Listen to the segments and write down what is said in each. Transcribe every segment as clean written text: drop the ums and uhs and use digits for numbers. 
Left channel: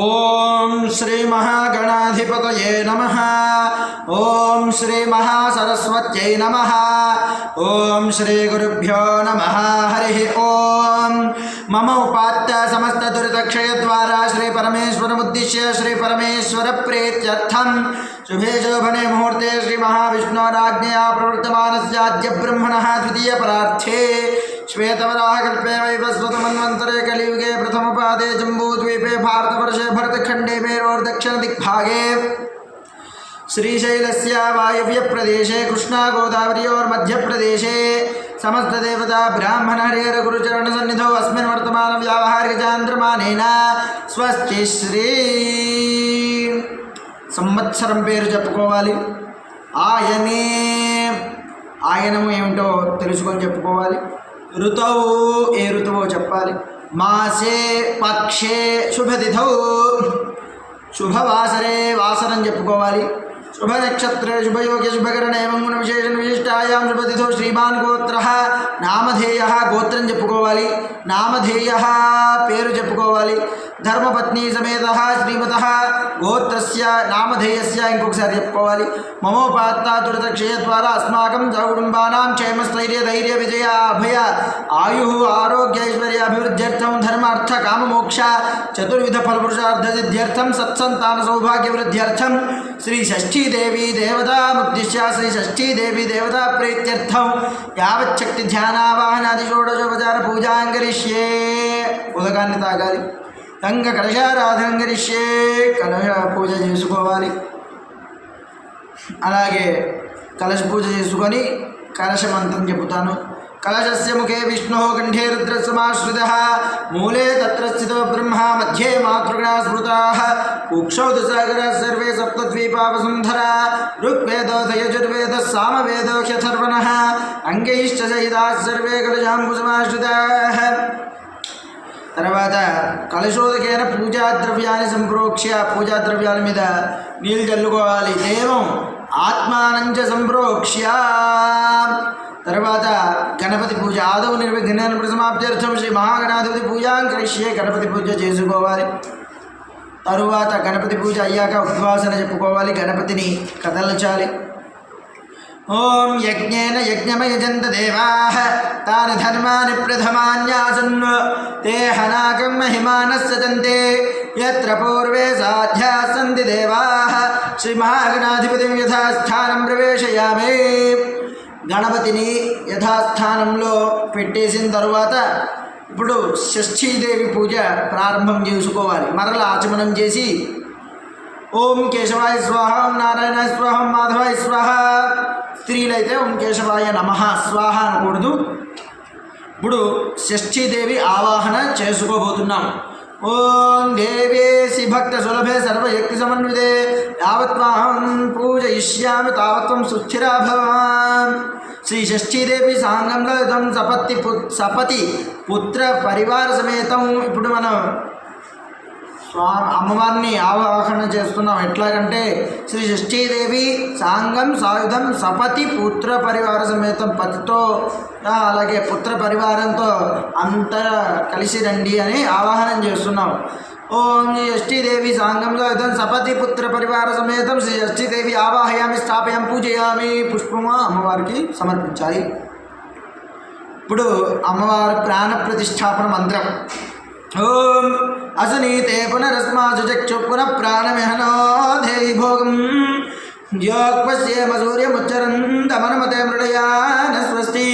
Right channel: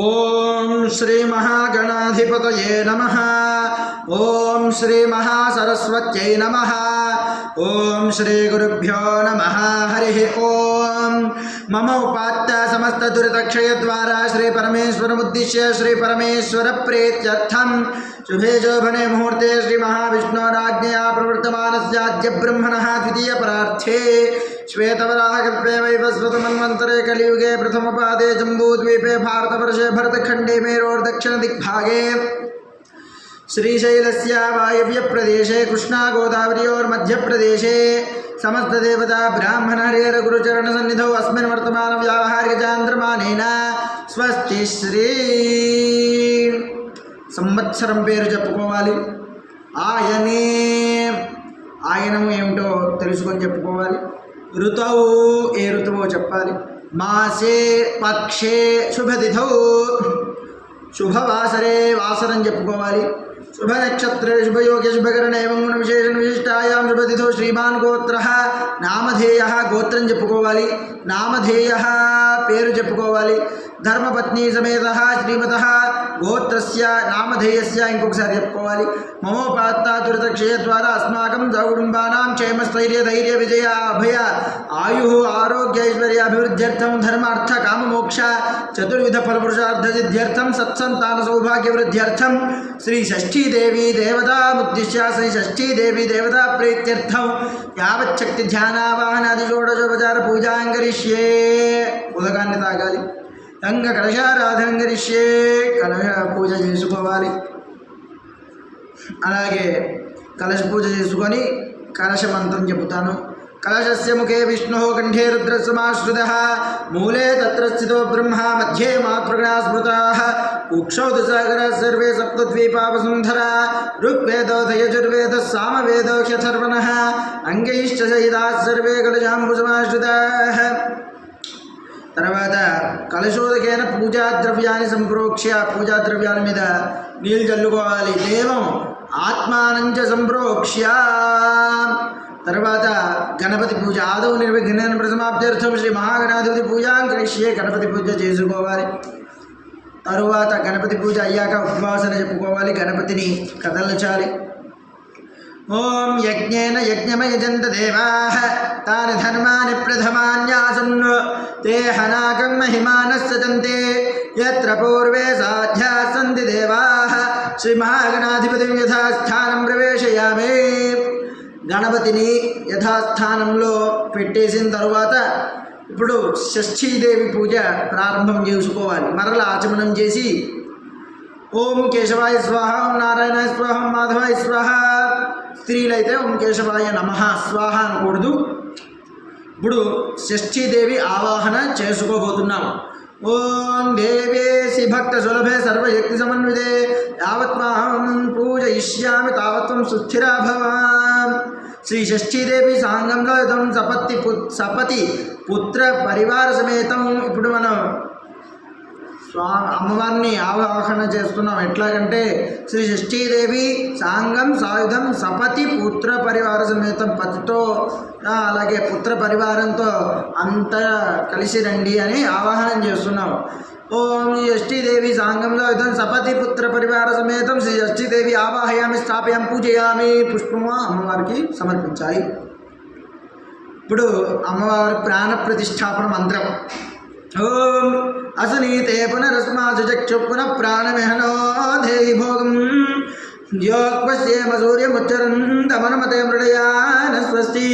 ఓం శ్రీ మహాగణాధిపతయే నమః. ఓం శ్రీ మహాసరస్వత్యై నమః. ఓం శ్రీ గురుభ్యో నమః. హరి ఓం. మమ ఉపాత్త సమస్త దురితక్షయ ద్వారా శ్రీ పరమేశ్వరముద్దిశ్య శ్రీ పరమేశ్వర ప్రీత్యర్థం శుభే శోభనే ముహూర్తే శ్రీ మహావిష్ణోరాజ్ఞయా ప్రవర్తమానస్యాద్య బ్రహ్మణః ద్వితీయ పరార్థే श्वेतवराहकल्पे वैवस्वतमन्वन्तरे कलियुगे प्रथमपादे जम्बूद्वीपे भारतवर्षे भरतखण्डे मेरोर्दक्षिणदिग्भागे श्रीशैलस्य वायव्यप्रदेशे कृष्णागोदावर्योर्मध्यप्रदेशे समस्तदेवता ब्राह्मण हरिहर गुरुचरणसन्निधौ अस्मिन् वर्तमानव्यावहारिकचान्द्रमानेन स्वस्ति श्री సంవత్సరం పేరు చెప్పుకోవాలి. ఆయనము ఏమిటో తెలుసుకొని చెప్పుకోవాలి. ఋతువు ఏ ఋతువో చెప్పాలి. మాసే పక్షే శుభతిథౌ శుభవాసరే వాసరం చెప్పుకోవాలి. శుభ నక్షత్రే శుభయోగ్య శుభకరణ ఏవం గుణ విశేషణ విశిష్టాయాం శుభతిథౌ శ్రీమాన్ గోత్ర నామధేయ గోత్రం చెప్పుకోవాలి. నామధేయ పేరు చెప్పుకోవాలి. ధర్మపత్ని సమేత శ్రీమత గోత్రస్య నామధేయస్య ఇంకొకసారి చెప్పుకోవాలి. మమోపాత్త దురితక్షయ ద్వారా అస్మాకం సకుటుంబానాం క్షేమస్థైర్య ధైర్య విజయ అభయ ఆయు ఆరోగ్య ఐశ్వర్య అభివృద్ధ్యర్థం ధర్మ అర్థ కామమోక్ష చతుర్విధ ఫలపురుషార్థ సిద్ధ్యర్థం సత్సంతాన సౌభాగ్య వృద్ధ్యర్థం శ్రీ షష్ఠీదేవి దేవతా ముద్దిశ్య శ్రీ షష్ఠీదేవి దేవతా ప్రీత్యర్థం యావచ్చక్తి ధ్యానావాహనాది షోడశోపచార పూజాంగరిష్యే. ఉదకాన్ని తాగాలి. గంగ కలశారాధన కరిష్యే. కలశ పూజ చేసుకోవాలి. అలాగే కలశ పూజ చేసుకొని కలశ మంత్రం చెబుతాను. కలశస్య ముఖే విష్ణు కంఠే రుద్రసమాశ్రితః మూలే తత్ర స్థితో బ్రహ్మ మధ్యే మాతృగణా స్మృతాః కుక్షౌ సాగరా సర్వే సప్తద్వీపా వసుంధరా ఋగ్వేదో యజుర్వేద సామవేదో హ్యథర్వణః అంగైశ్చ సహితాః సర్వే కలశాంబుసమాశ్రితాః. తర్వాత కలశోదకైన పూజాద్రవ్యాన్ని సంప్రోక్ష్య పూజాద్రవ్యాల మీద నీళ్ళు చల్లుకోవాలి. దేవం ఆత్మానంచ సంప్రోక్ష్య. తర్వాత గణపతి పూజ ఆదౌ నిర్విఘ్నేన ప్రసమాప్త్యర్థం శ్రీ మహాగణాధిపతి పూజాం కరిష్యే. గణపతి పూజ చేసుకోవాలి. తరువాత గణపతి పూజ అయ్యాక ఉద్వాసన చెప్పుకోవాలి. గణపతిని కదల్చాలి. ఓం యజ్ఞేన యజ్ఞమయజంత దేవాః తాని ధర్మాని ప్రథమాన్యాసన్ తే హనాకం మహిమానస్సజంతే యత్ర పూర్వే సాధ్యా సంతి దేవాః శ్రీ మహాగణాధిపతిం యథాస్థానం ప్రవేశయామి. గణపతిని యథాస్థానంలో పెట్టేసిన తరువాత ఇప్పుడు షష్ఠీదేవి పూజ ప్రారంభం చేసుకోవాలి. మరలా ఆచమనం చేసి ఓం కేశవాయ స్వాహ, ఓం నారాయణాయ స్వాహ, ఓం మాధవాయ స్వాహ. స్త్రీలైతే ఓం కేశవాయ నమః స్వాహ అనకూడదు. ఇప్పుడు షష్ఠీదేవి ఆవాహన చేసుకోబోతున్నాం. ఓం దేవేసి భక్త సులభే సర్వశక్తి సమన్వితే యావత్వాహం పూజయిష్యామి తావత్వం సుస్థిరా భవ. శ్రీ షష్ఠీదేవి సాంగంలో ఇదం సపతి పుత్ర పరివార సమేతం. ఇప్పుడు మనం అమ్మవారిని ఆవాహన చేస్తున్నాం. ఎట్లాగంటే శ్రీ షష్ఠీదేవి సాంగం సాయుధం సపతి పుత్ర పరివార సమేతం, పతితో అలాగే పుత్ర పరివారంతో అంతా కలిసి రండి అని ఆవాహనం చేస్తున్నాం. ఓం శ్రీ షష్ఠీదేవి సాంగం సాయుధం సపతి పుత్ర పరివార సమేతం శ్రీ షష్ఠీదేవి ఆవాహయామి స్థాపయామి పూజయామి. పుష్పము అమ్మవారికి సమర్పించాలి. ఇప్పుడు అమ్మవారి ప్రాణ ప్రతిష్టాపన మంత్రం. ఓం అసనీతే పునరస్మాసు చక్షు పునః ప్రాణమిహనో దేవి భోగం యోగపశ్యేమ సూర్యముచ్చరంతమనుమతే మృడయాన స్వస్తి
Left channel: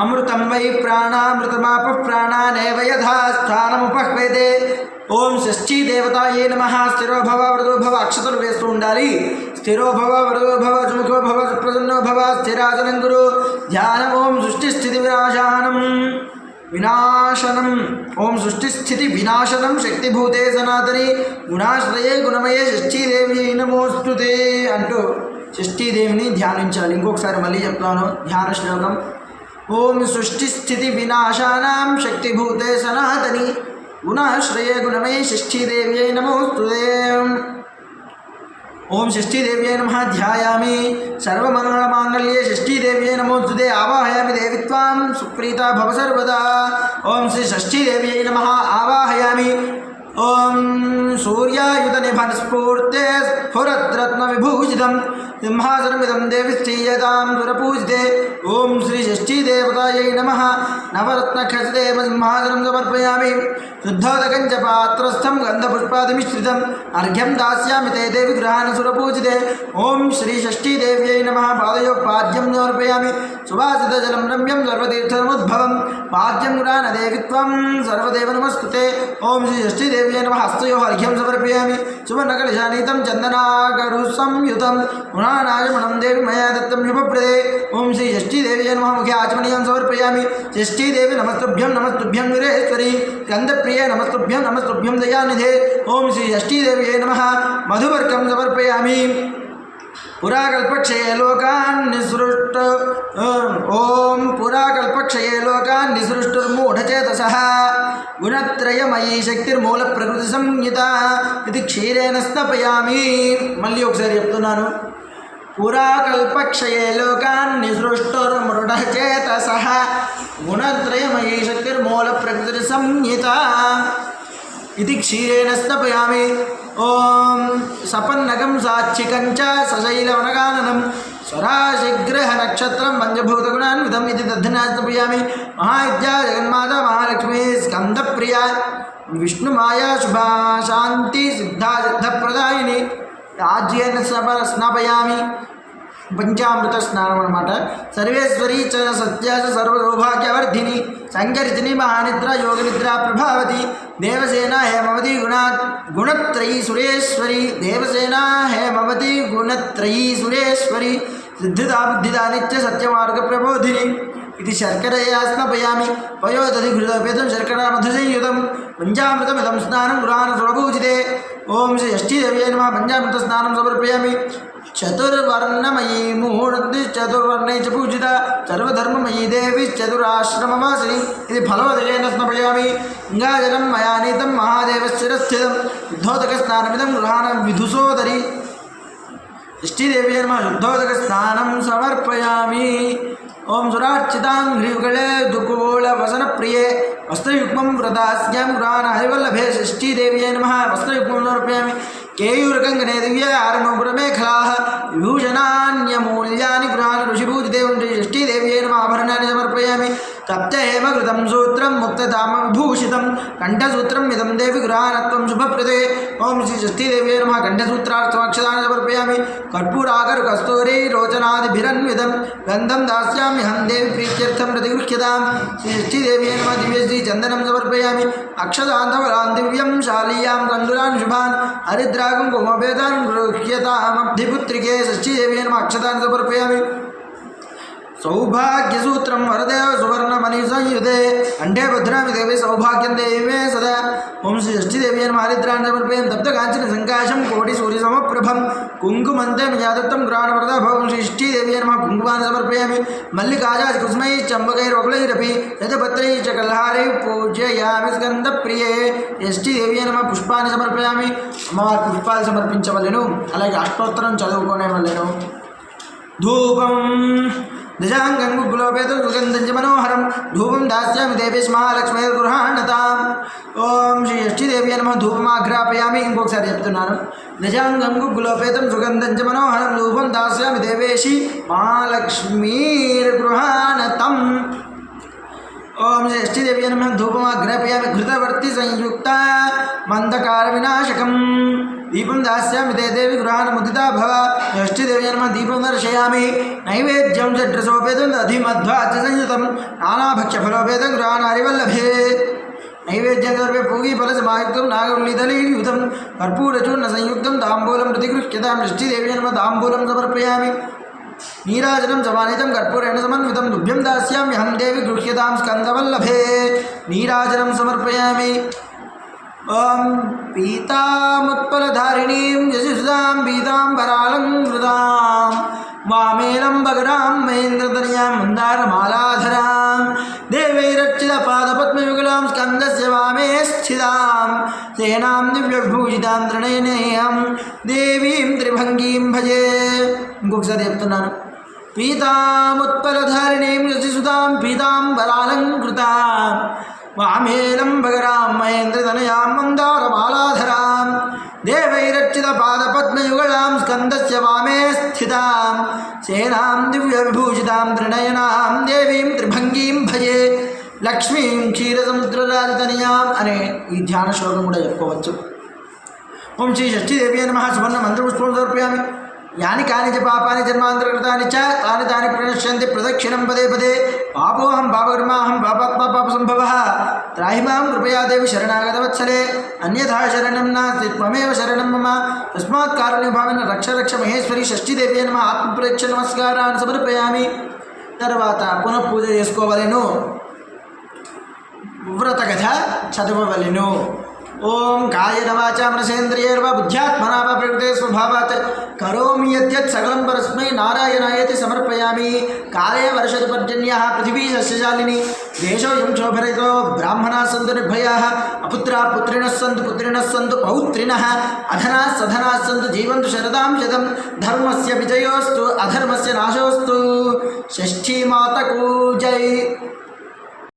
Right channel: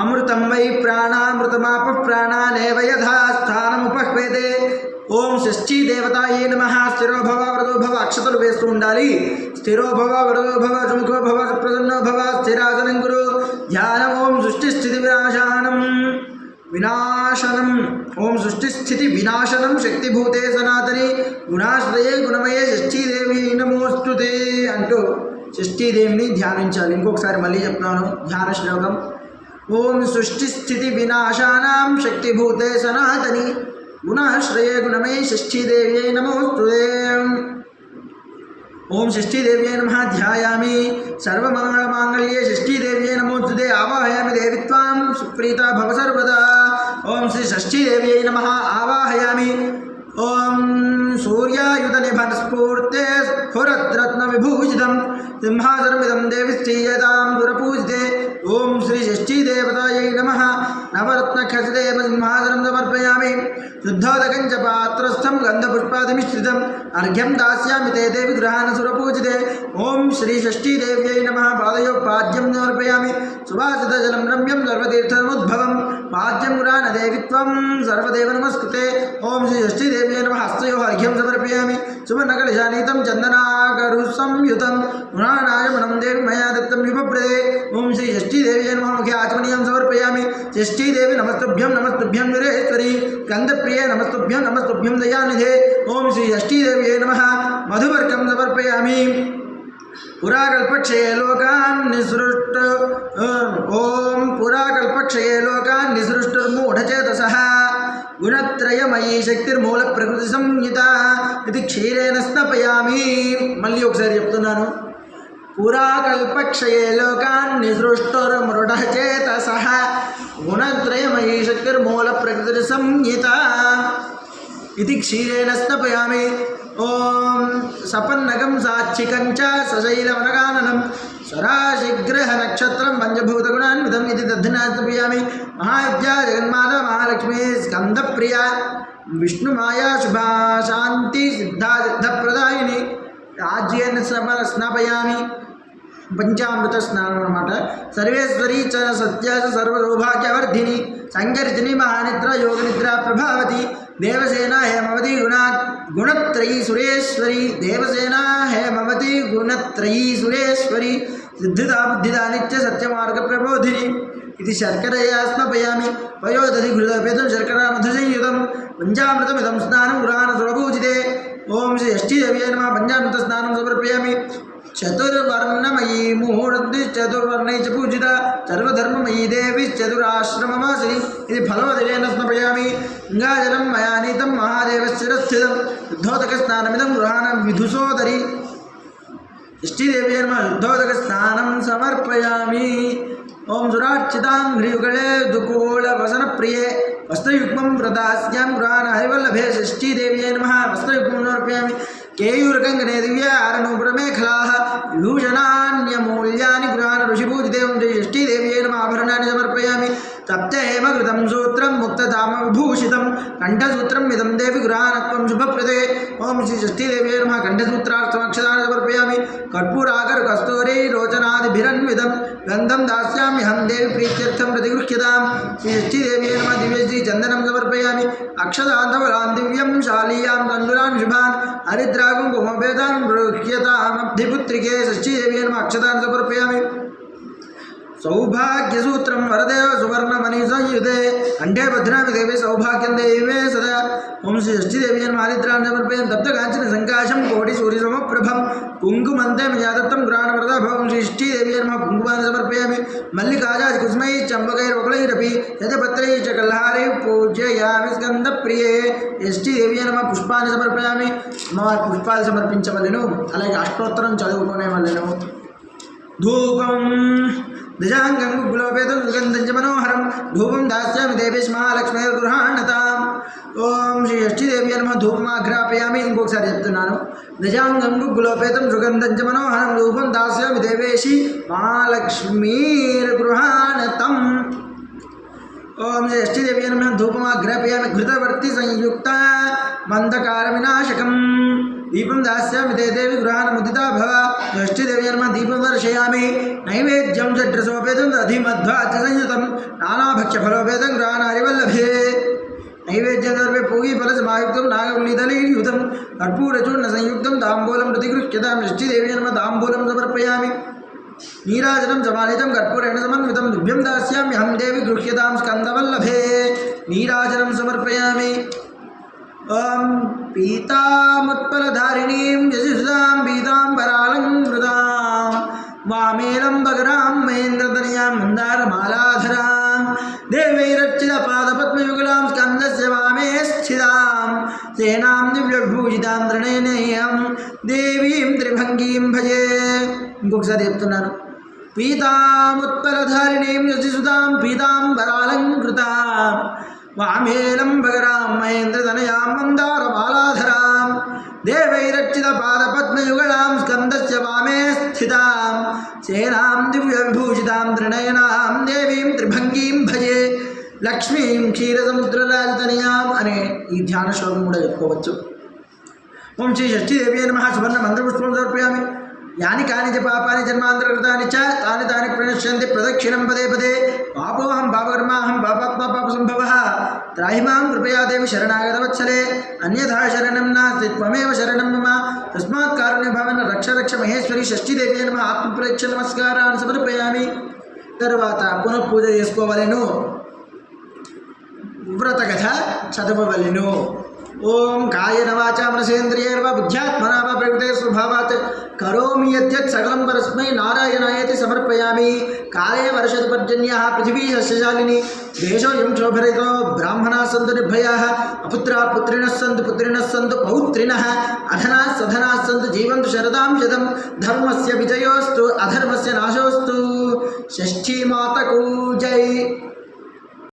అమృతం వై ప్రాణామృతమాప ప్రాణానేవ యథాస్థానముపహ్వేతే. ఓం షష్ఠీ దేవతాయే నమః. స్థిరో భవ వరదో భవ. అక్షతలు వేస్తూ ఉండాలి. స్థిరో భవ వరదో భవ సుముఖో భవ ప్రసన్నో భవ స్థిరాసనం గురు ధ్యానం. ఓం సృష్టి స్థితి వినాశనం ఓం సృష్టి స్థితి వినాశనం శక్తిభూతే సనాతని గుణాశ్రయే గుణమయే షష్ఠీదేవి నమోస్తుతే అంటూ షష్ఠీదేవిని ధ్యానించాలి. ఇంకొకసారి మళ్ళీ చెప్తాను ధ్యాన శ్లోకం. ఓం సృష్టి స్థితి వినాశానాం శక్తిభూతే సనాతని గుణాశ్రయే గుణమయే షష్ఠీదేవ్యై నమోస్తుతే. ఓం షష్ఠీదేవ్యై నమః ధ్యాయామి. సర్వమంగళమాంగళ్యే షష్ఠీదేవ్యై నమోస్తుతే. ఆవాహయామి దేవి త్వాం సుప్రీతా భవ సర్వదా. ఓం శ్రీ షష్ఠీదేవ్యై నమః ఆవాహయామి. ఓం సూర్యాయుధ నిభన్ స్ఫూర్తే స్ఫురద్రత్న విభూషితం సింహాసనమిదం దేవి శ్రీయతాం సురపూజితే. ఓం శ్రీ షష్ఠీ దేవతాయై నమః. నవరత్న ఖచిదేవ సింహాసనం సమర్పయామి. శుద్ధోదకం చ పాత్రస్థం గంధపుష్పాదిమిశ్రితం అర్ఘ్యం దాస్యామి తే దేవి గృహాణ సురపూజితే. ఓం శ్రీ షష్ఠీ దేవ్యై నమః. పాదయో పాద్యం సమర్పయామి. సువాసితజలం రమ్యం సర్వతీర్థముద్భవం పాద్యం గృహాణ దేవి త్వం సర్వదేవ నమస్కృతే. ఓం శ్రీ షష్ఠీ దేవ్యై నమః. హస్తయో అర్ఘ్యం సమర్పయామి. సువర్ణకలశానీతం చందనాగరు సంయుతం గుణానాయమనం దేవి మయా దత్తం శుభప్రదే. ఓం శ్రీ షష్ఠీ దేవ్యై నమః. ముఖ్య ఆచమనీయం సమర్పయామి. షష్ఠీ దేవి నమస్తుభ్యం నమస్తుభ్యం వీరేశ్వరి గంధప్రియే నమస్తుభ్యం నమస్తుభ్యం దయానిధే. ఓం శ్రీ షష్ఠీ దేవ్యై నమః. మధువర్గం సమర్పయామి. పురాకల్పక్షయే లోకాన్ నిసృష్ట ఓం పురాకల్పక్షయే లోకాన్ నిసృష్టుర్మూఢచేతసః గుణత్రయమయీ శక్తిర్మూల ప్రకృతి సంహిత ఇది క్షీరేణ స్నపయామి. మళ్ళీ ఒకసారి చెప్తున్నాను. పురాకల్పక్షయే లోకాన్ నిసృష్టుర్మృఢచేతసః గుణత్రయమయీ శక్తిర్మూల ప్రకృతి సంహిత ఇది క్షీరేణ స్నపయామి. ఓం సపన్నగం సాక్షికం చ సశైలవనగాననం సరాశిగ్రహ నక్షత్రం పంచభూతగుణాన్వితం ఇది దధ్నాస్తపయామి. మహావిద్యా జగన్మాత మహాలక్ష్మీ స్కందప్రియ విష్ణుమాయా శుభా శాంతి సిద్ధా సిద్ధప్రదాయిని ఆజ్యేన స్నాపయామి. పంచామృత స్నానం అన్నమాట. సర్వేశ్వరీ చ సత్య సర్వసౌభాగ్యవర్ధిని సంగరితిని మహానిద్ర యోగనిద్ర ప్రభావతి దేవసేన హేమవతి గుణత్రయీ సురేశ్వరి దేవసేన హేమవతి గుణత్రయీ సురేశ్వరి సిద్ధిదా బుద్ధిదా నిత్య సత్యమార్గ ప్రబోధిని ఇది శర్కరయా స్నపయామి. పయోదధి ఘృతోపేతం శర్కరా మధుసంయుతం పంచామృతమిదం స్నానం గృహాణ సురభూజితే. ఓం శ్రీ షష్ఠీ దేవ్యై నమః. పంచామృత స్నానం సమర్పయామి. చతుర్వర్ణమయీ మూర్తి చతుర్వర్ణై చ పూజిత సర్వధర్మమయీ దేవి చతురాశ్రమవాసిని ఇది ఫలోదయేన స్నపయామి. గంగాజలం మయా నీతం మహాదేవశ్చిరస్థితం శుద్ధోదక స్నానమిదం గృహాణ విధుసోదరి. షష్ఠీదేవ్యై నమః. శుద్ధోదక స్నానం సమర్పయామి. ఓం సురార్చితాంఘ్రియుగళే దుకూల వసన ప్రియే వస్త్రయుగ్మం వ్రతాస్యాం గృహాణ హరివల్లభే. షష్ఠీదేవ్యై నమః. వస్త్రయుగ్మం సమర్పయామి. కేయూరకంగనే దివ్య ఆరణోపురమేఖలా విభూషణాన్యమూల్యాని గృహాణ ఋషిభూజితే. ఓం శ్రీ షష్ఠీదేవ్యై నమః. ఆభరణాన్ని సమర్పయామి. తప్త హేమకృతం సూత్రం ముక్తధామ విభూషితం కంఠసూత్రం ఇదం దేవి గృహాణత్వం శుభప్రదే. ఓం శ్రీ షష్ఠీదేవ్యై నమః. కంఠసూత్రాక్షదాన్ని సమర్పయామి. కర్పూరాకరు కస్తూరి రోచనాదిభిరన్వితం గంధం దాస్యామ్యహం దేవి ప్రీత్యర్థం ప్రతిగృహ్యతాం. శ్రీ షష్ఠీదేవ్యై నమః. దివ్యశ్రీ చందనం సమర్పయామి. అక్షదాంతవరాన్ దివ్యం శాలీయాం కందురాన్ శుభాన్ హరిద్రాగం కుమభేదాన్ గృహ్యతామబ్ధిపుత్రికే. షష్ఠీదేవ్యై నమః. అక్షదాన్ని సమర్పయామి. సౌభాగ్యసూత్రం వరదేవ సువర్ణమణి సంయుతే కంఠే భద్రామి దేవి సౌభాగ్యం దేవే సదా. ఓం శ్రీ షష్ఠీదేవ్యై నమః. హరిద్రాన్ని సమర్పయామి. తప్తకాంచన సంకాశం కోటి సూర్యసమప్రభం కుంకుమంతే మయాదత్తం గృహాణ వరదాభవం. శ్రీ షష్ఠీదేవ్యై నమః. కుంకుమాన్ని సమర్పయామి. మల్లికాజాజ్ కుసుమై చంబకైరొకలైరపి శతపత్రై చ కల్హారై పూజయామి స్కందప్రియే. షష్ఠీదేవ్యై నమః. పుష్పాన్ని సమర్పయామి. అమ్మవారి పుష్పాలు సమర్పించవలెను. అలాగే అష్టోత్తరం చదువుకునే వలెను. ధూపం దశాంగం గుగ్గులోపేతం సుగంధం చ మనోహరం ధూపం దాస్యామి దేవేశ్ మహాలక్ష్మీర్గృహాణతాం. ఓం శ్రీ షష్ఠీదేవ్యై నమః. ధూపమాఘ్రాపయామి. ఇంకొకసారి చెప్తున్నాను. దశాంగం గుగ్గులోపేతం సుగంధం చ మనోహరం ధూపం దాస్యామి దేవేశి మహాలక్ష్మీర్గృహాణతం. ఓం శ్రీ షష్ఠీదేవ్యై నమః. ధూపమాఘ్రాపయామి. ఘృతవర్తి సంయుక్త మందకార వినాశకం దీపం దాస్యామి తే దేవి గృహాణ ముదితా భవ. షష్ఠీదేవ్యై నమః. దీపం దర్శయామి. నైవేద్యం షడ్రసోపేతం దధిమధ్వాచ సంయుతం నానాభక్ష్యఫలోపేతం గృహాణ హరివల్లభే. నైవేద్యం సర్వే పూగి ఫలసమాయుక్తం నాగవల్లిదలీయుతం కర్పూరచూర్ణ సంయుక్తం తాంబూలం ప్రతిగృహ్యతాం. షష్ఠీదేవ్యై నమః. తాంబూలం సమర్పయామి. నీరాజనం సమానితం కర్పూరేణ సమన్వితం దుభ్యం దాస్యామ్యహం దేవి గృహ్యతాం స్కందవల్లభే. నీరాజనం సమర్పయామి. ఓం పీతాముత్పలధారిణీం యశుసాం పీతాంబరాలంకృతాం వామేనం భగరాం మహేంద్రతనయాం మందారమాలాధరాం దేవైరక్షితపాదపద్మయుగలాం స్కందస్య వామే స్థితాం సేనాం దివ్యవిభూషితాం త్రినయనేయం దేవీం త్రిభంగీం భజే. ఇంకొకసారి చెప్తున్నాను. పీతాముత్పలధారిణీం యశుసుతాం పీతాంబరాలంకృతాం వామేనం భగరాం మహేంద్రతనయాం మందారమాలాధరాం దేవైరర్చితపాదపద్మయుగళాం స్కందస్య వామే స్థితాం సేనాం దివ్యవిభూషితాం త్రినయనాం దేవీం త్రిభంగీం భజే లక్ష్మీం క్షీరసముద్రరాజతనయాం అనే ఈ ధ్యాన శ్లోకం కూడా చెప్పుకోవచ్చు. ఓం శ్రీ షష్ఠీదేవి నమః. సువర్ణ మంత్రపుష్పం సమర్పయామి. యాని కాని చ పాపాని జన్మాంతరకృతాని చ తాని తాని ప్రణశ్యంతి ప్రదక్షిణం పదే పదే పాపోహం పాపకర్మాహం పాపాత్మా పాపసంభవః త్రాహి మాం కృపయా దేవి శరణాగతవత్సలే అన్యథా శరణం నాస్తి త్వమేవ శరణం మమ తస్మాత్ కారుణ్యభావేన రక్ష రక్ష మహేశ్వరి షష్ఠీదేవి నమః. ఆత్మప్రేక్ష నమస్కారాన్ని సమర్పయామి. తర్వాత పునః పూజ చేసుకోవలెను. వ్రత కథ చదవవలెను. ఓం కాయేన వాచా మనసేంద్రియైర్వా బుద్ధ్యాత్మనా వా ప్రకృతే స్వభావాత్ కరోమి యద్యత్ సకలం పరస్మై నారాయణాయేతి సమర్పయామి. కాలే వర్షతు పర్జన్యః పృథివీ సస్యశాలిని దేశోऽयं శోభరహితో బ్రాహ్మణాः సంతు నిర్భయాः అపుత్రాः పుత్రిణः సంతు పౌత్రిణः అధనాः సధనాः సంతు జీవంతు శరదాం శతం ధర్మస్య విజయోస్తు అధర్మస్య నాశోస్తు. షష్ఠీ మాతకు జై.